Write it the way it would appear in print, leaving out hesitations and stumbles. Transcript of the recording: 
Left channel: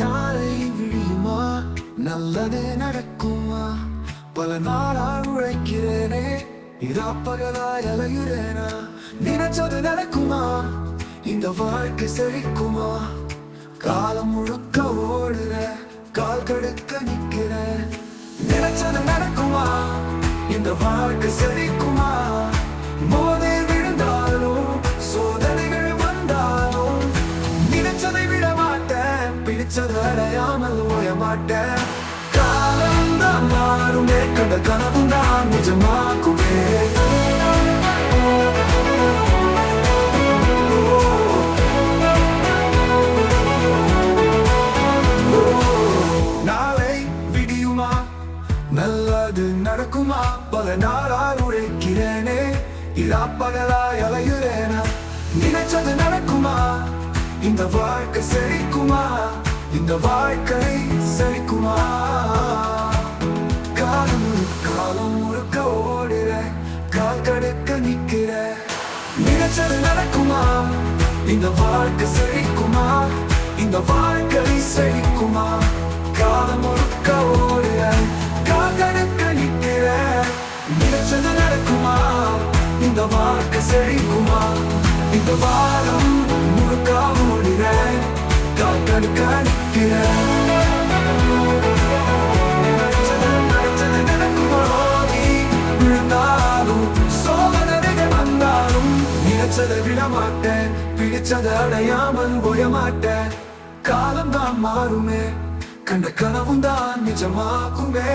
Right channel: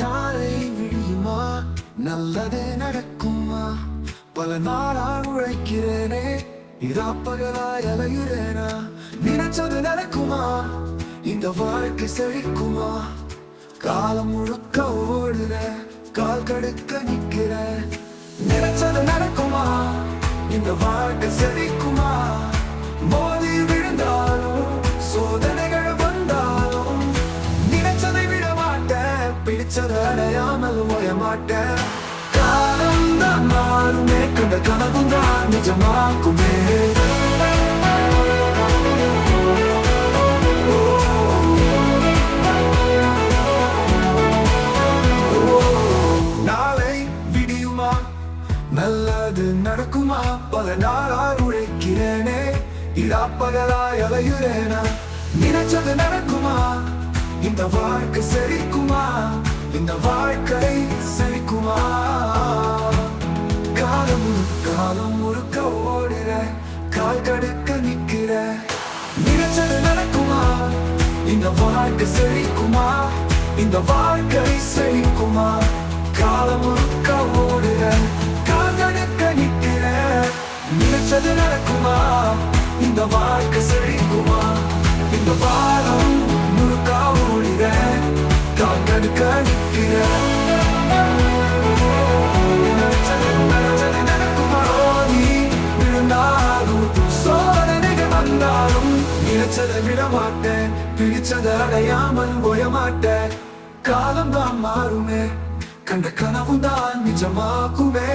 நாளை விழியுமா, நல்லதே நடக்குமா? பல நாளாக உழைக்கிறேனே, இரா பகலாய் அலையுறேனா? நினைச்சது நடக்குமா? இந்த வாழ்க்கை செழிக்குமா? காலம் முழுக்க ஓடுற, கால் கடுக்க நிக்கிற. நினைச்சது நடக்குமா? இந்த வாழ்க்கை செழிக்குமா? மோதி விழுந்தாலும் சோதனைகள் வந்தாலும் நினைச்சதை விட மாட்டேன், பிடிச்சதை அடையாமல் ஓய மாட்டேன். காலம் தான் மாறுமே, கண்ட கனவும் தான் நிஜமாக்குமே. நாளை விடியுமா, நல்லது நடக்குமா? பல நாளாய் உழைக்கிறேனே, இரா பகலாய் அலையுறேனா? நினைச்சது நடக்குமா? இந்த வாழ்க்கை செழிக்குமா? இந்த வாழ்க்கை செழிக்குமா? காலம் முழுக்க ஓடுற, கால் கடுக்க நிக்கிற. நினைச்சது நடக்குமா? இந்த வாழ்க்கை செழிக்குமா? இந்த வாழ்க்கை செழிக்குமா? காலம் முழுக்க ஓடுற, கால் கடுக்க நிக்கிற. நினைச்சது நடக்குமா? இந்த வாழ்க்கை செழிக்குமா? இந்த வாரம் முழுக்க ஓடுற, கால் கடுக்க நிக்கிற. நினைச்சது நடக்குமா? நீ விழுந்தாலும் சோதனைகள் வந்தாலும் நினைச்சதை விட மாட்டேன், பிடிச்சதை அடையாமல் ஓய மாட்டேன். காலம் தான் மாறுமே, கண்ட கனவும் தான் நிஜமாக்குமே.